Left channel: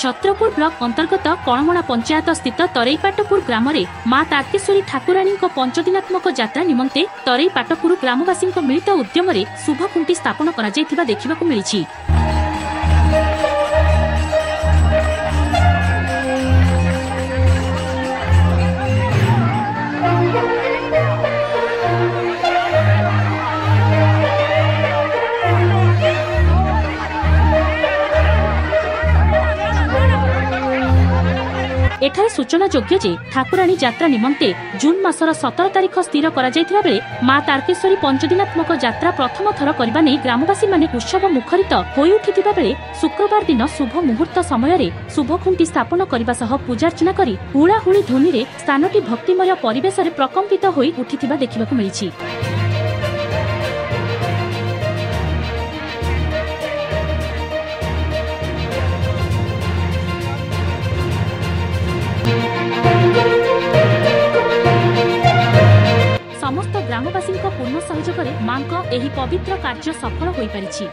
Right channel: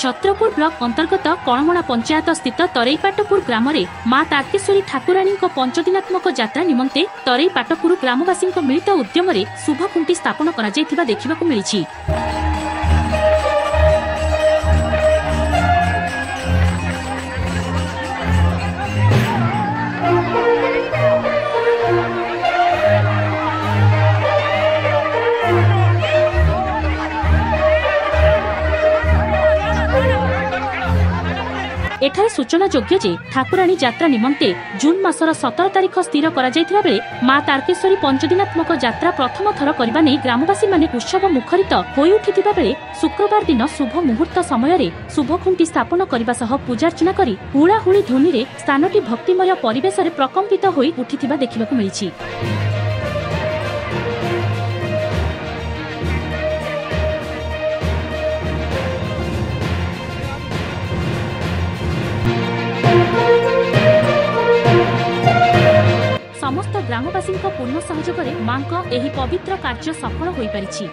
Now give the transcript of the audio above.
Chhatrapur block अंतर्गत कणमणा पंचायत स्थित तरईपाटपुर ग्राम में मां तारकेश्वरी ठाकुराणी पंचदिनात्मक यात्रा निमंते तरईपाटपुर ग्रामवासी मिलित उद्यम शुभ खुंटी स्थापन करा देखा मिली। एठारे सूचना योग्य जे ठाकुराणी यात्रा निमंते जून मासर 17 तारिख स्थिर करा जायथिबा बेले मां तारकेश्वरी पंचदिनात्मक यात्रा प्रथम थर करबा नै ग्रामवासी माने उत्सव मुखरित होई उठिथिबा बेले शुक्रवार दिन शुभ मुहूर्त समय रे शुभ खुंटी स्थापन करबा सह पूजार्चना करी हुळाहुळी ध्वनि रे स्थानटी भक्तिमय परिवेश रे प्रकम्पित होई उठिथिबा देखिबाकु मिलिछि। समस्त ग्रामवासी पूर्ण सहयोग में मां को एही पवित्र कार्य सफल हो पारिछि।